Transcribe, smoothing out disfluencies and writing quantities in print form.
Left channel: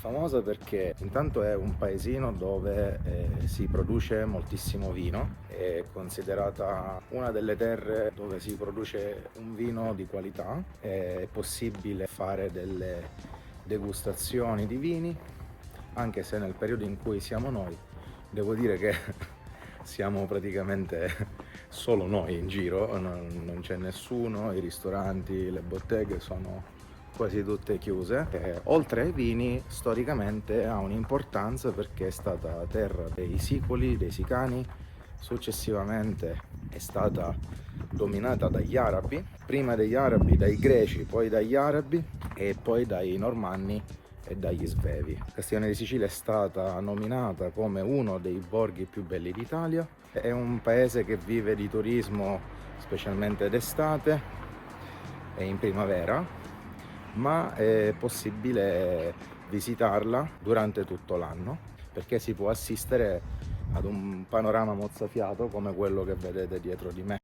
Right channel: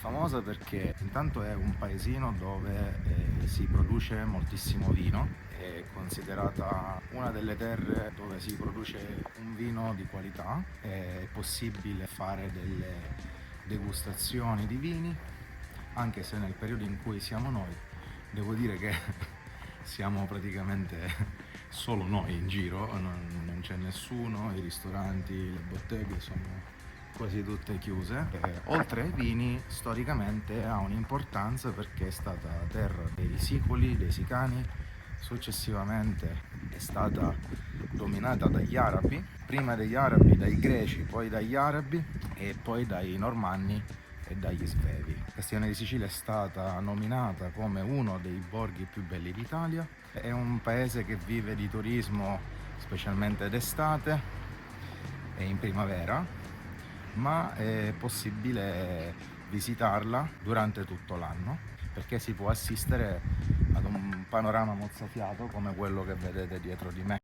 Famosa perché intanto è un paesino dove si produce moltissimo vino, è considerata una delle terre dove si produce un vino di qualità, è possibile fare delle degustazioni di vini, anche se nel periodo in cui siamo noi, devo dire che siamo praticamente solo noi in giro, non c'è nessuno, i ristoranti, le botteghe sono quasi tutte chiuse. Oltre ai vini, storicamente ha un'importanza perché è stata terra dei sicoli, dei sicani, successivamente è stata dominata dagli arabi, prima degli arabi dai greci, poi dagli arabi e poi dai normanni e dagli svevi. Castiglione di Sicilia è stata nominata come uno dei borghi più belli d'Italia, è un paese che vive di turismo specialmente d'estate e in primavera, ma è possibile visitarla durante tutto l'anno perché si può assistere ad un panorama mozzafiato come quello che vedete dietro di me.